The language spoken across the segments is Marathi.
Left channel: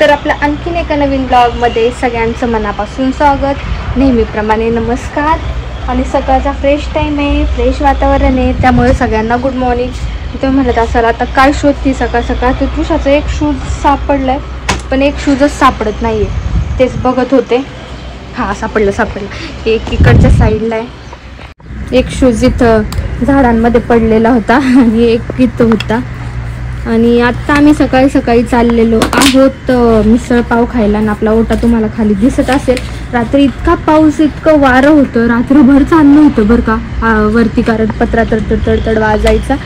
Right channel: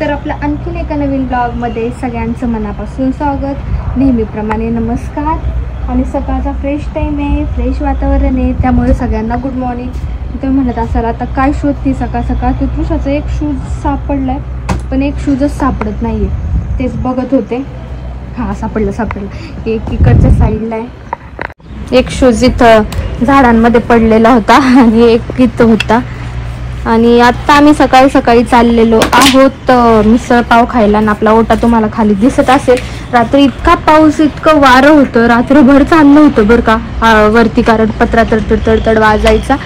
तर आपल्या आणखीन एका नवीन ब्लॉगमध्ये सगळ्यांचं मनापासून स्वागत. नेहमीप्रमाणे नमस्कार. आणि सकाळचा फ्रेश टाईम आहे, फ्रेश वातावरण आहे, त्यामुळे सगळ्यांना गुड मॉर्निंग. तुम्ही म्हणत असाल आता काय शोधती सकाळ सकाळ, तर तुषाचं एक शूज सापडलं आहे, पण एक शूजच सापडत नाही आहे. तेच बघत होते. हां सापडलं. एक इकडच्या साईडला आहे, एक शूज इथं झाडांमध्ये पडलेला होता आणि एक इथं होता. आणि आत्ता आम्ही सकाळी सकाळी चाललेलो आहोत मिसळ पाव खायला. आणि आपला ओटा तुम्हाला खाली दिसत असेल. रात्री इतका पाऊस, इतकं वारं होतं, रात्रभर चाललं होतं बरं का वरती, कारण पत्रा तडतड वाजायचा,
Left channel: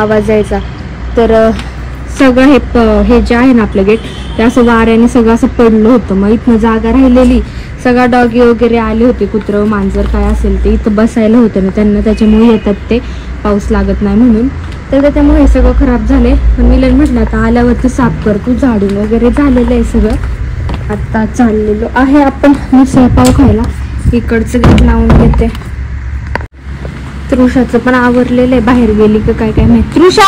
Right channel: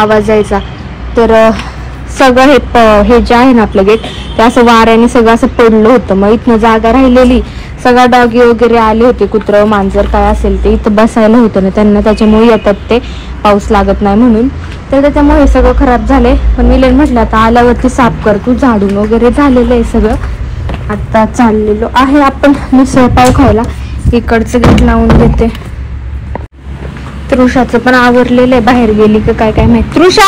आवाज यायचा. तर सगळं हे जे आहे ना आपलं गेट, ते असं वाऱ्याने सगळं असं पडलं होतं. मग इथनं जागा राहिलेली, सगळा डॉगी वगैरे आले होते, कुत्रं मांजर काय असेल ते इथं बसायला होतं ना त्यांना, त्याच्यामुळे येतात ते, पाऊस लागत नाही म्हणून. तर त्याच्यामुळे हे सगळं खराब झालंय. पण मिलन म्हटलं आता आल्यावरती साफ कर, तू झाडून वगैरे झालेलं आहे सगळं. आता चाललेलो आहे आपण मिसळ पाव खायला. इकडचं गेट लावून घेते. तृषाचं पण आवरलेलं आहे, बाहेर गेली का काय माहिती. तृषा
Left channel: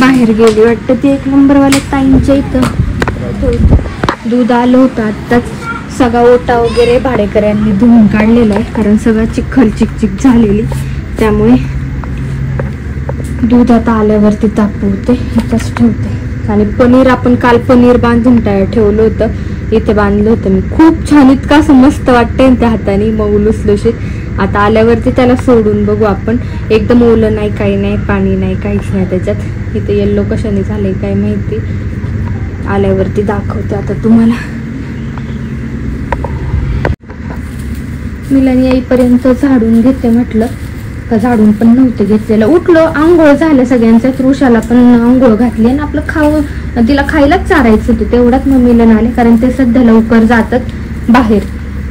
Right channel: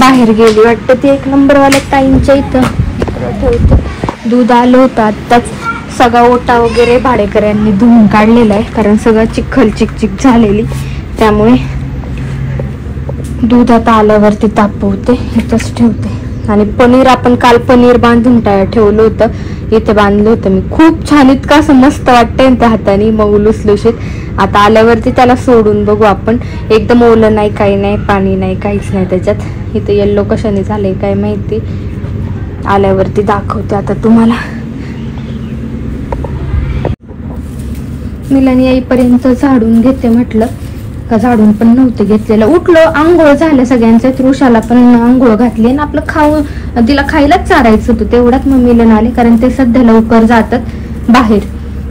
बाहेर गेली वाटतं ती. एक नंबरवाल्या ताईंच्या इथं दूध आलं होतं आत्ताच. सगळा ओटा वगैरे भाडेकऱ्यांनी धुवून काढलेला आहे, कारण सगळं चिकचिक झालेली, त्यामुळे दूध आता आल्यावरती तापवते, इथंच ठेवते. आणि पनीर आपण काल पनीर बांधून ठेवलं होतं, इथं बांधलं होतं मी. खूप छान, इतकं असं मस्त वाटतंय त्या हाताने, मग लुसलुशीत. आता आल्यावरती त्याला सोडून बघू आपण. एकदम ओलं नाही, काही नाही, पाणी नाही, काहीच नाही त्याच्यात. इथं येल्लो कशाने झालंय काय माहिती, आल्यावरती दाखवते आता तुम्हाला. मिलन येईपर्यंत झाडून घेते म्हटलं, का झाडून पण नव्हतं घेतलेलं. उठलो, आंघोळ झालं सगळ्यांचं, तृषाला पण आंघोळ घातली. आणि आपलं खाऊन तिला खायलाच चारायचं होतं, तेवढ्यात मग मिलन आले, कारण ते सध्या लवकर जातात बाहेर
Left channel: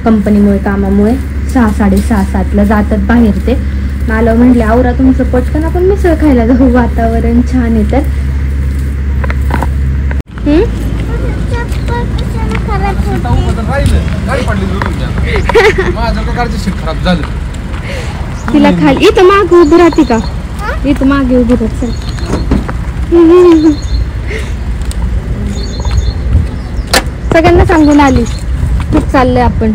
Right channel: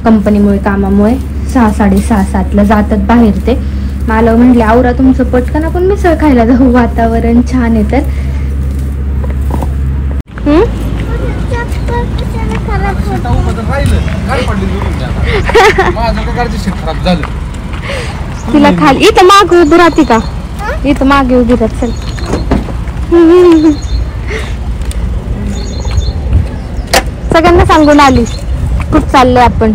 कंपनीमुळे, कामामुळे 6:30-7ला जातात बाहेर ते. मला म्हणले आवरा तुमचं पटकन, आपण मिसळ खायला जाऊ, वातावरण छान आहे तर. तिला खाली इथं मागे उभी राहते का, इथं मागे उभी राहत. चल सगळ्यांना सांगून आली खूप चाललंय आपण.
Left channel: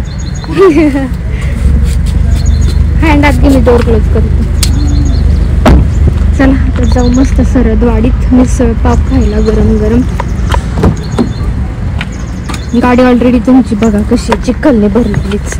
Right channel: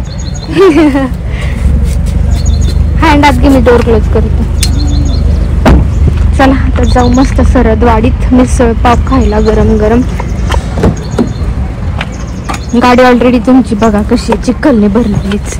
हँड आत की मी डोर क्लोज करते. चला आता जाऊ मस्त सरदवाडीत मिसळ पाव खायला गरम गरम. गाडी ऑलरेडी तुमची बघा कशी चिखलने भरलीच.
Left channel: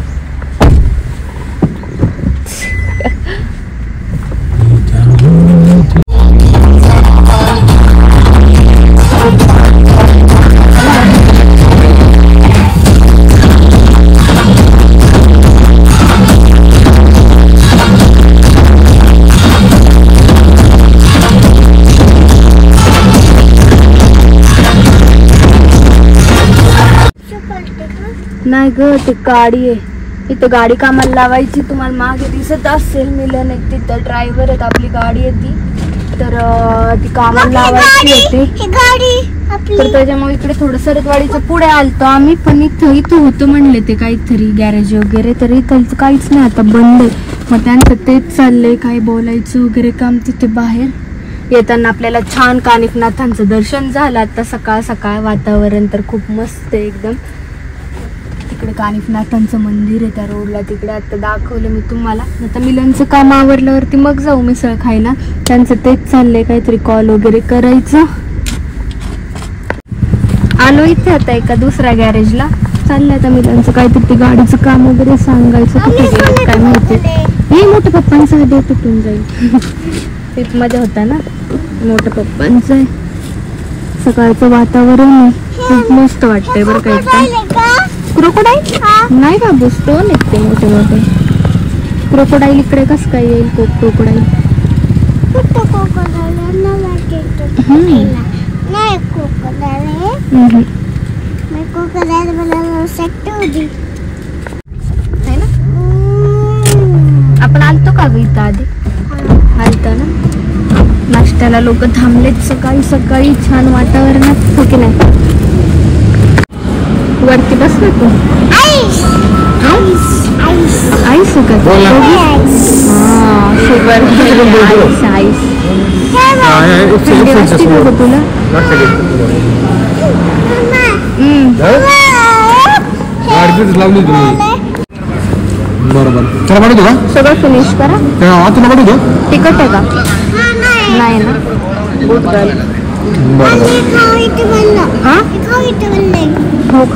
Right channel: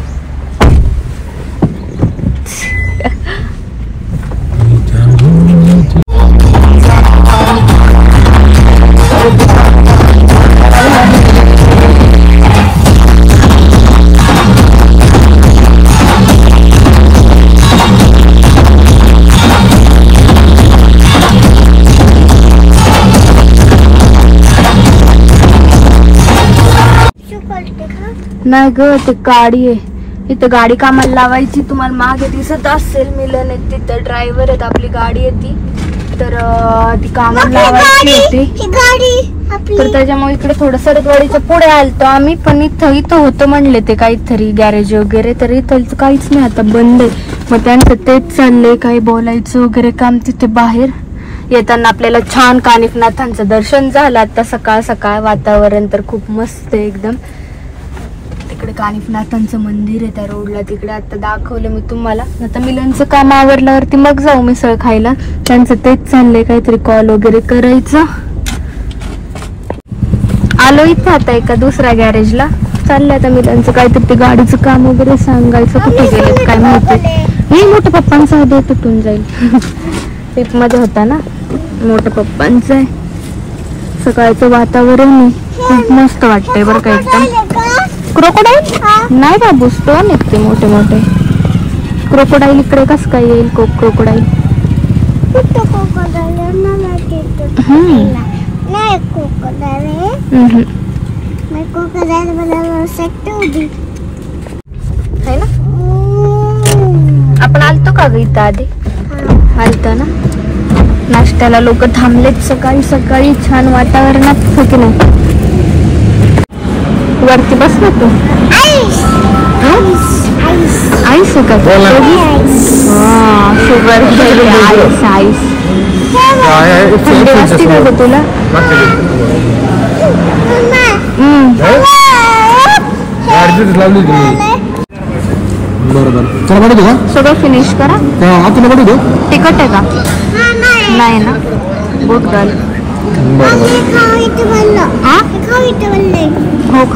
नाही ग, ती गाडी आहे इथं, गाडी कामाला लावायची. तुम्हाला मागे दिसत असेल मिलन आहे तिथं, ड्रायव्हर आहेत, आपली गाडी आहे ती. तर ती कामाला लावायची होती, तर त्याच्यामुळे इकडे थोडं सरदवाडीच्या पुढे आलतो आम्ही. पण इथं होतं म्हणले ते काहीतरी गॅरेज वगैरे, तर इथं काहीच नाही, आता बंद आहे. मग त्यांचं तेच चाललंय, काही बोलायचं वगैरे काम तिथे बाहेर. येताना आपल्याला छान कानिफनाथांचं दर्शन झालं आता सकाळ सकाळ. वातावरण तर खूप मस्त आहे एकदम. कानिफनाथांचं मंदिर आहे त्या रोडला तिकडे, आता दाखवलं मी तुम्हाला. आता मिलनचं काम आवरल्यावरती मग जाऊ मिसळ खायला. त्यांचं तेच चाललंय, काहीतरी कॉल वगैरे करायचं. आलो इथे आता एका दुसऱ्या गॅरेजला, चाललंय आता मिलनचं काहीतरी ते गाडीचं काम वगैरे सांगायचं. कुठे गेलं काय माहिती. हे मोठ्या पप्पांचा आधी तुटून जाईल. एक मध्ये होता ना, मोठ्या पप्पांचं आहे. सकाळचं वातावरण खूप मस्त वाटतंय बरं का एकदम. क्रोकोडाईल नाही बाबू, स्टोन आहेत ते मोठे मोठे. क्रोकोडाईल इकडे कसं काय येईल? क्रोकोडाईल आपण आलतो का ग इथं आधी? आलतो ना. नाश्त्याला लोक थांबलेत सकाळी सकाळी, छान वातावरणात हो की नाही. वरती बस ना तू. आईस आहे का? Sugar ice. थंडी वाजते का ग तुला? बरोबर तुला पाठवतो का सगळं फिनिश करा. तुला पाठवतो तिखट आहे का? नाही ना. बरोबर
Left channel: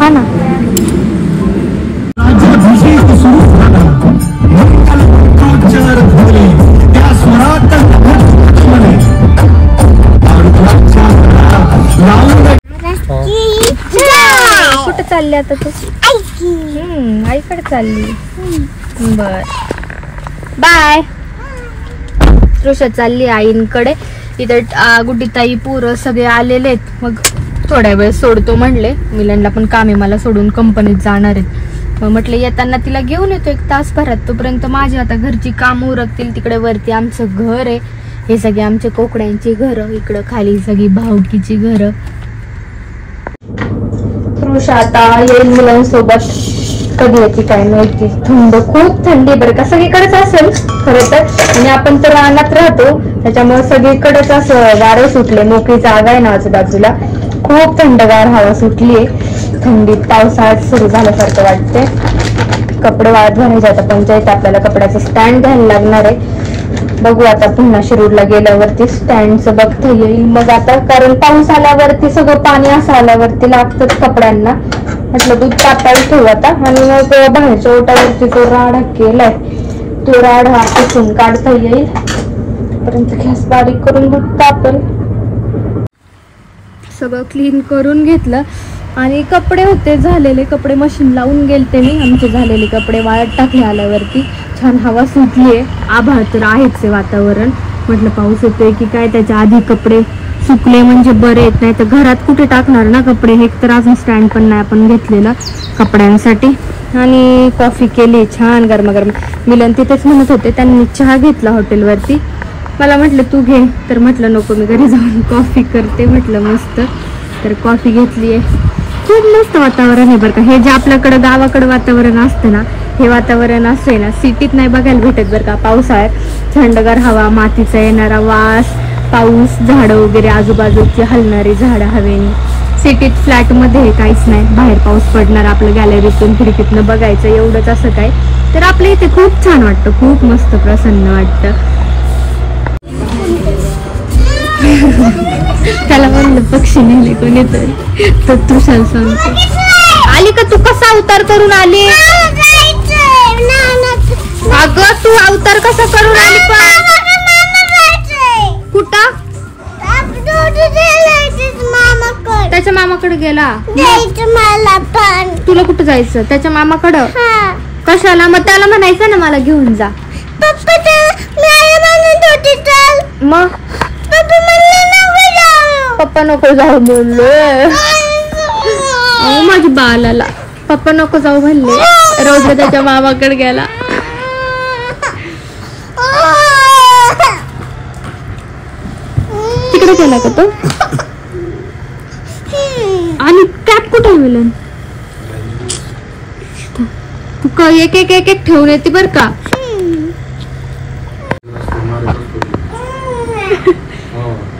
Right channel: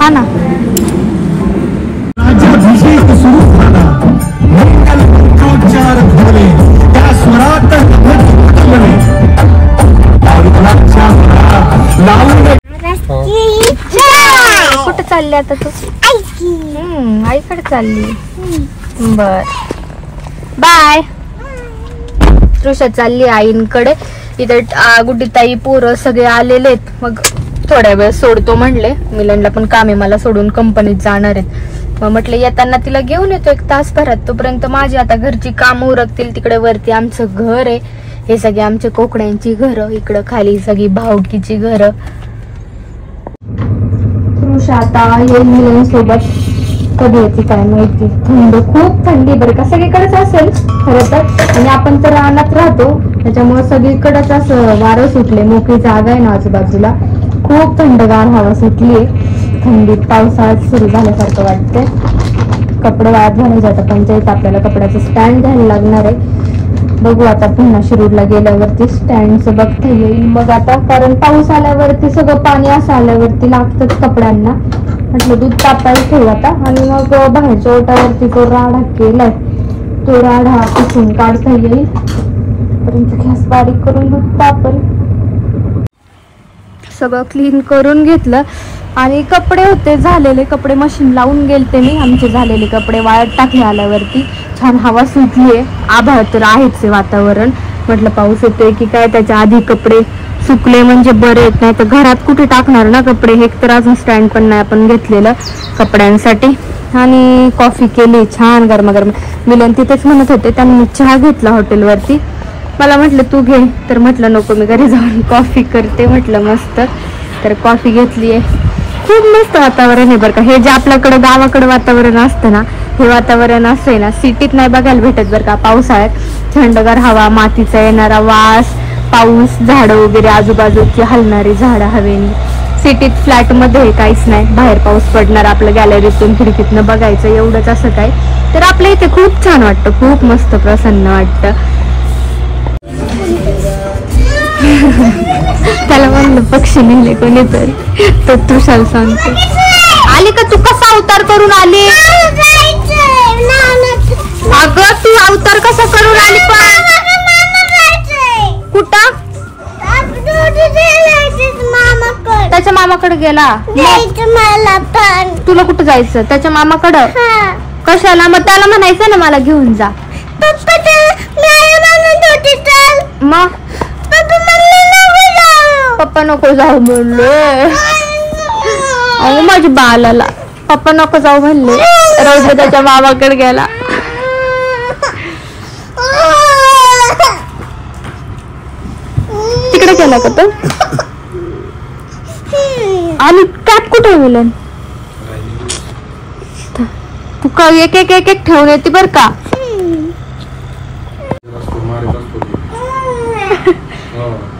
खा ना. कुठं चालली आता तू? आईकडे चालली. बर बाय. तृषा चालली आईंकडे. इथे गुड्डीताई पोरं सगळे आलेले आहेत. मग थोड्या वेळ सोडतो म्हणले. मिलनला पण काम आहे, मला सोडून कंपनीत जाणार आहेत. मग म्हटलं येताना तिला घेऊन येतो 1 तासभरात. तोपर्यंत माझी आता घरची कामं उरकतील. तिकडे वरती आमचं घर आहे. हे सगळे आमचे कोकड्यांची घरं. इकडं खाली सगळी भावकीची घरं. तृषा आता येईल मुलांसोबत. कधी येते काय माहिती. खूप थंडी बरं का. सगळीकडेच असेल खरं तर. आणि आपण तर रानात राहतो त्याच्यामुळे सगळीकडेच असं वारे सुटले. मोकळी जागा आहे ना आजूबाजूला. खूप थंडगार हवा सुटली. थंडीत पावसाळ्यात सुरू झाल्यासारखं वाटते. कपडे वाळत घालायचे. आता पंचायत आपल्याला कपड्याचं स्टँड घ्यायला लागणार आहे. बघू आता पुन्हा शिरूरला गेल्यावरती स्टँडचं बघता येईल. मग आता कारण पाऊस आल्यावरती सगळं पाणी असं आल्यावरती लागतंच कपड्यांना. म्हटलं दूध तापायला ठेव आता. आणि मग बाहेरच्या ओट्यावरती जो राडा केलाय तो राडा पुसून काढता येईल. परंतु गॅस बारीक करून दूध तापेल. सगळं क्लीन करून घेतलं. आणि कपडे होते झालेले. कपडे मशीन लावून गेलते मी. आमचे झालेले कपडे वाळत टाकले आल्यावरती. छान हवा सुटलीये. आभाळ तर आहेच आहे वातावरण. म्हटलं पाऊस येतोय की काय. त्याच्या आधी कपडे सुकले म्हणजे बरे येत. नाही तर घरात कुठे टाकणार ना कपडे. हे तर अजून स्टँड पण नाही आपण घेतलेलं कपड्यांसाठी. आणि कॉफी केली छान गरमागरम. मिलन तिथेच म्हणत होते. त्यांनी चहा घेतला हॉटेलवरती. मला म्हटलं तू घे. तर म्हटलं नको मी घरी जाऊन कॉफी करते. म्हटलं मस्त. तर कॉफी घेतलीये. खूप मस्त वातावरण आहे बरं का. हे जे आपल्याकडं गावाकडं वातावरण असतं ना हे वातावरण असतंय ना सिटीत नाही बघायला भेटत बरं का. पावसाळ्यात थंडगार हवा, मातीचा येणारा वास, पाऊस, झाडं वगैरे आजूबाजूची हलणारी झाडं हवेने. सिटीत फ्लॅट मध्ये काहीच नाही. बाहेर पाऊस पडणार आपलं गॅलरीतून खिडकीतनं बघायचं एवढंच असं काय. तर आपल्या इथे खूप छान वाटतं. खूप मस्त प्रसन्न वाटतं. त्याला म्हणलं पक्षी नेले कोणीतरी. तर तृषाला सांगतो आली का तू. कसा अवतार करून आली? अगं तू अवतार कसा करून आली? कुठं? त्याच्या मामाकडे गेला. तुला कुठं जायचं? त्याच्या मामाकडं. कशाला? मग त्याला म्हणायचं ना मला घेऊन जा. मग पप्पा नको जाऊ म्हणले. अहो माझ्या बालाला पप्पा नको जाऊ म्हणले. रोज त्याच्या मामाकडे गेला. तिकडे गेला का तो? आणि कॅप कुठे मिलन? तू का एक एक एक एक ठेवून येते बर का.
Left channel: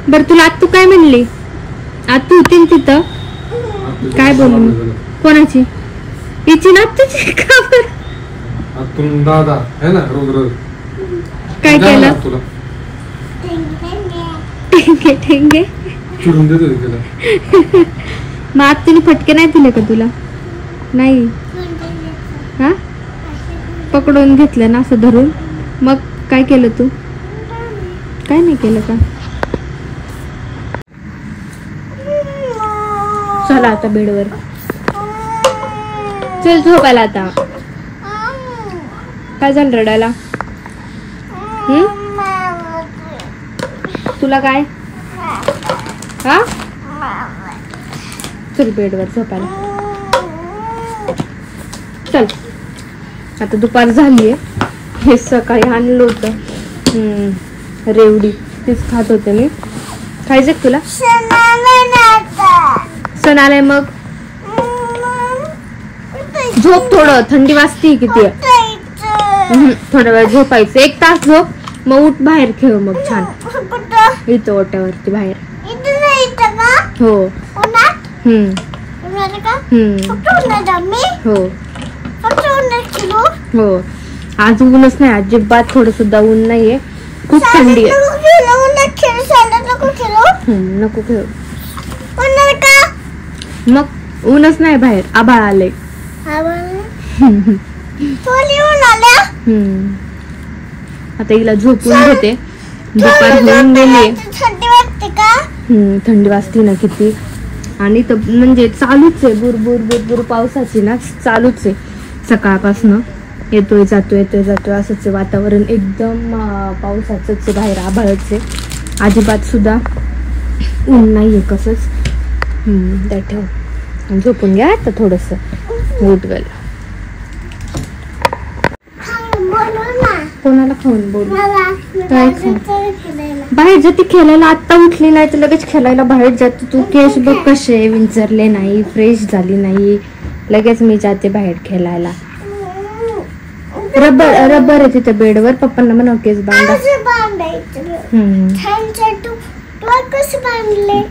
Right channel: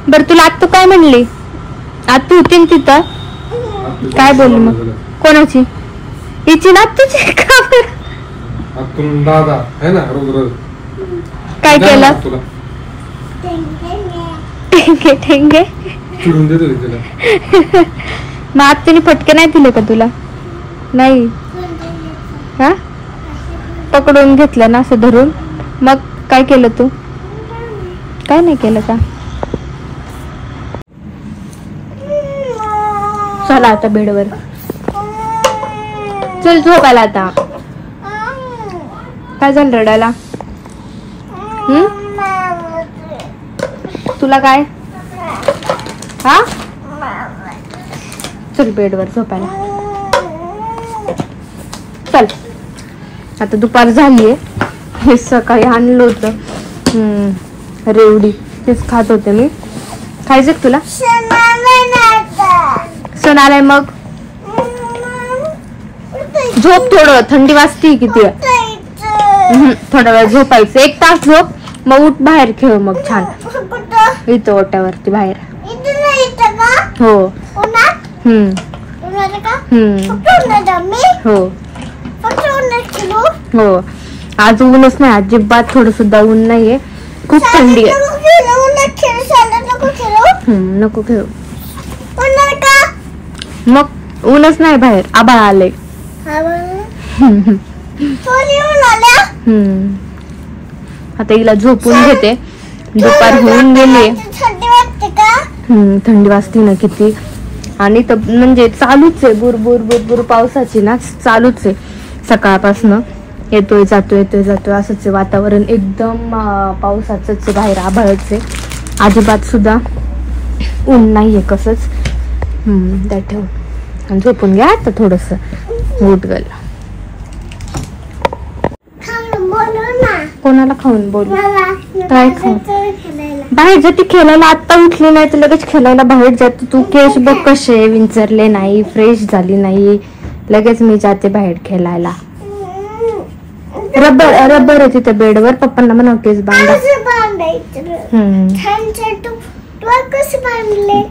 बर तुला आत तू काय म्हणली? आत तू होती तिथं काय बोलली मग? कोणाची? हिची ना तुझी का बरं? दादा है ना रोज रोज काय केलं? ठेंगे ठेंगे चिडून देतो तिला. मग आत्तीने फटके नाही दिले का तुला? नाही. हा पकडून घेतलं ना असं धरून. मग काय केलं तू? काय नाही केलं का? चला आता बेडवर चल झोपायला आता. काय झालं रडायला? तुला काय? हा चल बेडवर झोपायला चल. आता दुपार झालीये. हे सकाळी आणलं होतं रेवडी तेच खात होते मी. खायचं तुला? सण आलाय मग झोप. थोडं थंडी वाजती किती. थोडा वेळ झोपायचं. 1 तास झोप. मग उठ बाहेर खेळ मग छान. इथं ओट्यावरती बाहेर. हो. हो आज ऊनच नाही, अजिबात थोडं सुद्धा ऊन नाहीये, खूप थंडी आहे. नको खेळू, मग ऊनच नाही बाहेर, आभाळ आले. आता हिला झोपून घेते, दुपार होऊन गेली. थंडी वाजती ना किती. आणि म्हणजे चालूच आहे बुरबुर बुरबुर पावसाची ना, चालूच आहे सकाळपासनं. येतोय जातोय असंच आहे वातावरण, एकदम पावसाचंच आहे, बाहेर आभाळच आहे, अजिबात सुद्धा ऊन नाहीये कसंच. ठेव, झोपून घ्या आता थोडस गुटगल. कोणाला खाऊन बोल, काय खाऊन बाहेर जाते खेळायला. आता उठली नाही तर लगेच खेळायला बाहेर जाते तू. केश बघ कसे विंचरले नाही, फ्रेश झाली नाही, लगेच मी जाते बाहेर खेळायला. रबर आहे तिथे बेडवर, पप्पांना म्हणा केस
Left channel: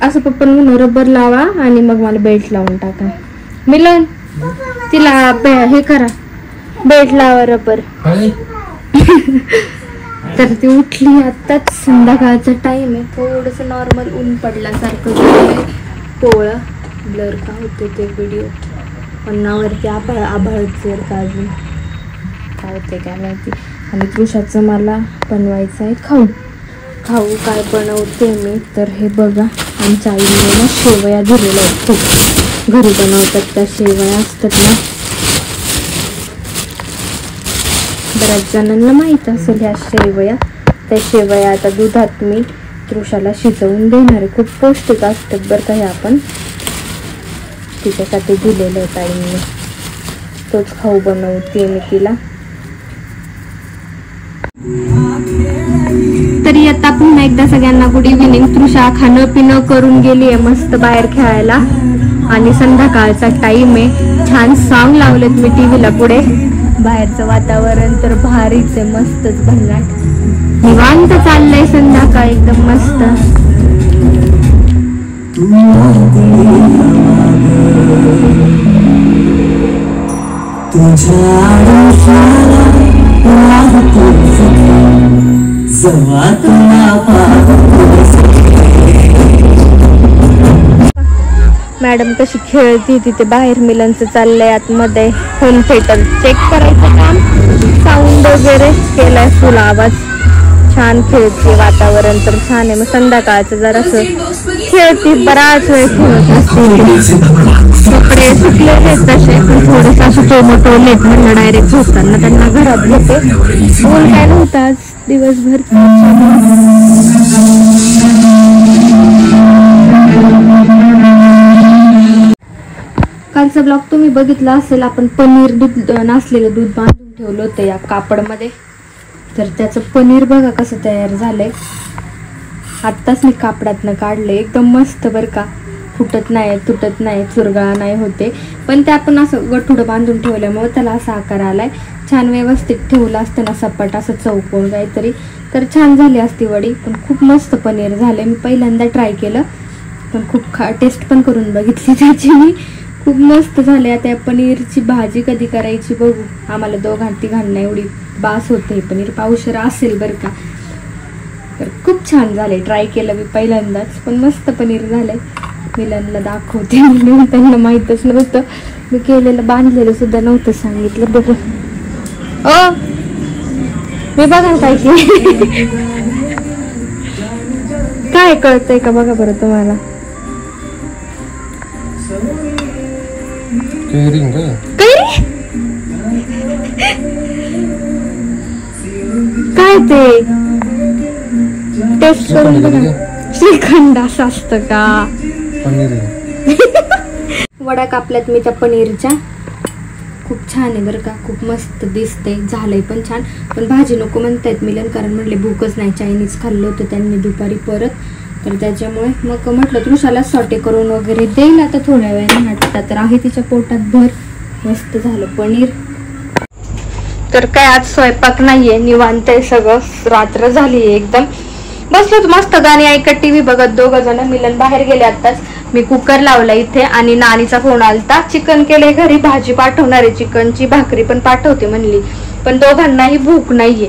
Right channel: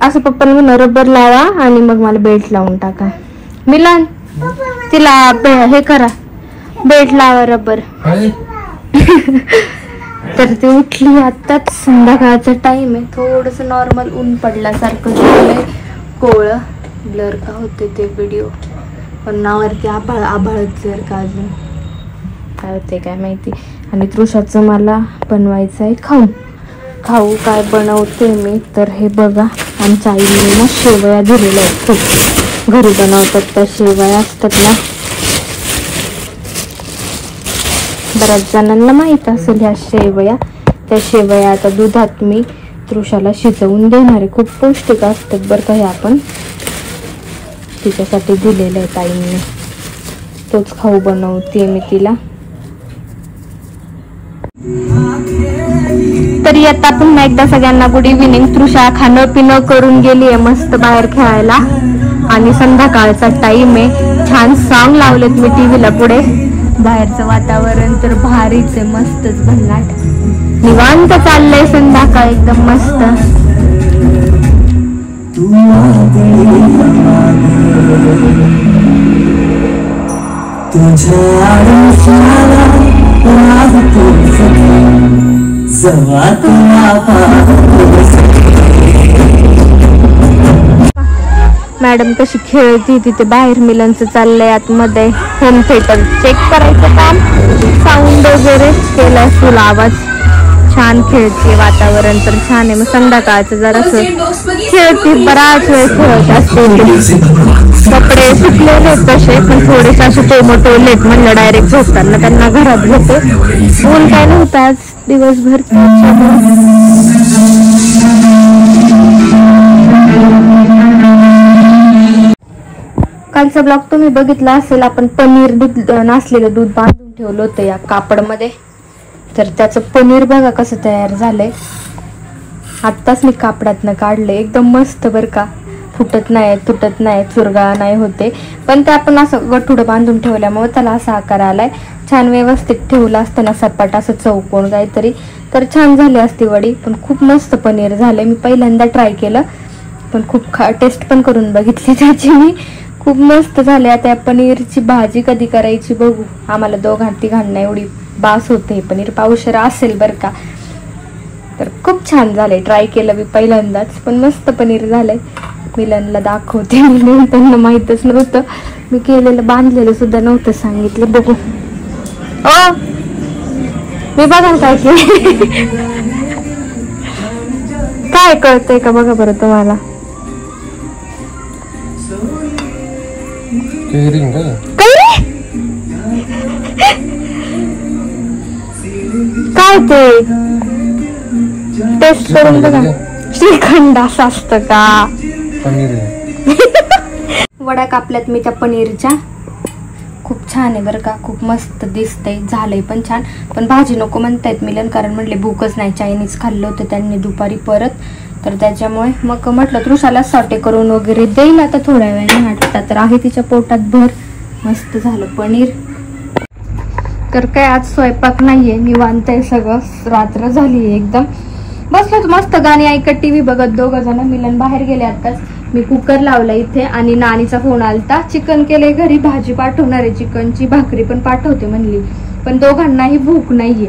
असं पप्पांना म्हणा रबर लावा आणि मग मला बेल्ट लावून टाका. मिलन तिला हे करा, बेल्ट लावा रबर. तर ती उठली आताच, संध्याकाळचा टाइम आहे, थोडस नॉर्मल ऊन पडल्यासारखं झालंय. पोळं ब्लर का होते ते व्हिडिओ, पण नावरती आभाळच जर का अजून काय होते काय माहिती. आणि तृषाचं मला बनवायचं आहे खाऊ काय बनवते मी तर हे बघा. आमच्या आईने ना शेवया दिलेल्या आहेत, घरी बनवतात त्या शेवया असतात ना, बऱ्याच जणांना माहित असेल ह्या शेवया. त्या शेवया आता दुधात मी तृषाला शिजवून देणार आहे, खूप पौष्टिक असतात बरं का हे. आपण तिच्यासाठी दिलेलं आहे ताईंनी, तोच खाऊ बनवते मी तिला. तरी आता पुन्हा एकदा सगळ्यांना गुड इव्हिनिंग. तृषा खाणं पिणं करून गेली आहे मस्त बाहेर खेळायला, आणि संध्याकाळचा टाइम आहे. छान सॉंग लावलेत मी टीव्हीला पुढे. बाहेरचं वातावरण तर भारीच आहे, मस्तच भन्नाट निवांत चाललंय संध्याकाळ एकदम मस्त. मॅडम कशी खेळती तिथे बाहेर. मिलनचं चाललंय आतमध्ये होम थिएटर चेक करायचं काम, साऊंड वगैरे केला असेल आवाज. छान खेळते, वातावरण पण छान आहे. संध्याकाळचं जरासं खेळती, बराच वेळ खेळत असते. कपडे सुकलेले आहेत तसे, पण थोडेसे असे टोमोटोलेत, म्हणलं डायरेक्ट झोपताना त्यांना घरात घेते. ऊन काय नव्हतं आज दिवसभर. कालचा ब्लॉग तुम्ही बघितला असेल, आपण पनीर नासलेलं दूध बांधून ठेवलं होतं या कापडमध्ये. तर त्याचं पनीर बघा कसं तयार झालंय. आत्ताच मी कापडातनं काढले, एकदम मस्त बरं का. फुटत नाही, तुटत नाही, चुरगाळा नाही होते. पण ते आपण असं गठुडं बांधून ठेवल्यामुळे त्याला असा आकार आलाय. छान व्यवस्थित ठेवलं असतं ना सपाट असं चौकोन काहीतरी, तर छान झाली असती वडी. पण खूप मस्त पनीर झालंय. मी पहिल्यांदा ट्राय केलं, पण खूप टेस्ट पण करून बघितली त्याची मी. खूप मस्त झाले. आता या पनीरची भाजी कधी करायची बघू. आम्हाला दोघांना एवढी बास होते. पनीर पावशेर असेल बरं का. तर खूप छान झाले, ट्राय केलं मी पहिल्यांदाच, पण मस्त पनीर झालंय. मिलनला दाखवते, म्हणून त्यांना माहीतच नव्हतं मी केलेलं, बांधलेलं सुद्धा नव्हतं सांगितलं. बघू ओ मी बघा काय काय कळतंय का बघा बरं तुम्हाला. काय ते टेस्ट करून बघा. श्रीखंड असं असतं का. वड्या कापल्यात मी त्या पनीरच्या. खूप छान आहे बरं का, खूप मस्त दिसते. झालंय पण छान. पण भाजी नको म्हणतायत मिलन, कारण म्हटले भूकच नाही. चायनीज खाल्लं होतं त्यांनी दुपारी परत, तर त्याच्यामुळे मग म्हटलं तृषाला सॉटे करून वगैरे देईल आता थोड्या वेळाने. वाटतं तर आहे तिच्या पोटात भर. मस्त झालं पनीर. तर काय आज स्वयंपाक नाहीये, निवांत आहे सगळं. रात्र झाली एकदम. बसलो होतो मस्त गाणी ऐकत टीव्ही बघत दोघं जण. मिलन बाहेर गेले आताच. मी कुकर लावला इथे आणि नानीचा फोन आलता. चिकन केलंय घरी, भाजी पाठवणार आहे चिकनची, भाकरी पण पाठवते म्हणली. पण दोघांनाही भूक नाहीये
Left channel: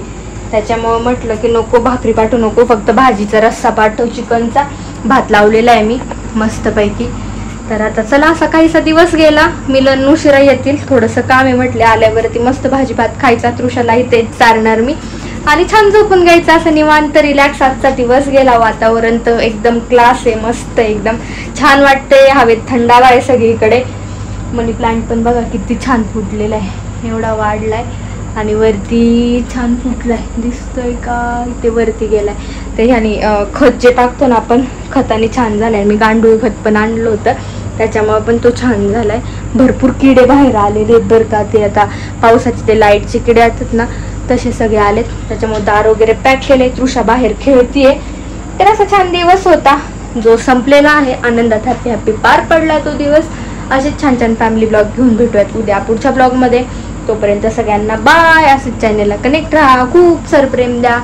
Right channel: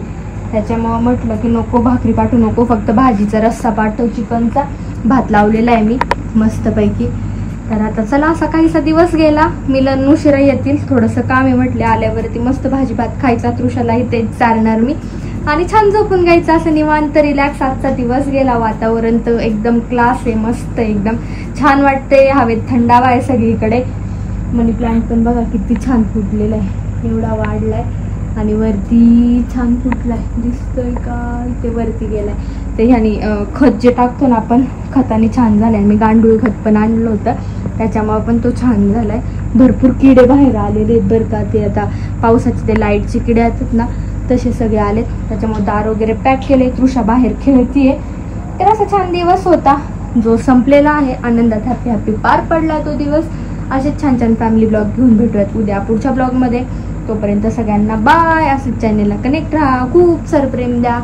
त्याच्यामुळे म्हटलं की नको भाकरी पाठवू नको, फक्त भाजीचा रस्सा पाठव चिकनचा. भात लावलेला आहे मी मस्तपैकी. तर आता चला असा काहीसा दिवस गेला. मिलन उशिरा येतील, थोडंसं काम आहे म्हटले. आल्यावरती मस्त भाजी भात खायचा, तृषालाही तेच चारणार मी आणि छान झोपून घ्यायचं. असं निवांत रिलॅक्स आजचा दिवस गेला. वातावरण तर एकदम क्लास आहे, मस्त एकदम छान वाटते. हवेत थंडावा आहे सगळीकडे. मनी प्लांट पण बघा किती छान फुटलेला आहे, एवढा वाढलाय आणि वरती छान फुटलाय, दिसतोय का? इथे वरती गेलाय. ते ह्यानी खत जे टाकतो ना आपण, खताने छान झालाय. मी गांडूळ खत पण आणलं होतं त्याच्यामुळे पण तो छान झालाय. भरपूर किडे बाहेर आलेले बरं का. ते आता पावसाचे ते लाईटचे किडे असतात ना तसे सगळे आलेत. त्याच्यामुळे दार वगैरे पॅक केले. तृषा बाहेर खेळतीये. तर असा छान दिवस होता जो संपलेला आहे. आनंदात हॅपी हॅपी पार पडला तो दिवस. असेच छान छान फॅमिली ब्लॉग घेऊन भेटूयात उद्या पुढच्या ब्लॉगमध्ये. तोपर्यंत सगळ्यांना बाय. असंच चॅनेलला कनेक्ट राहा, खूप सारं प्रेम द्या.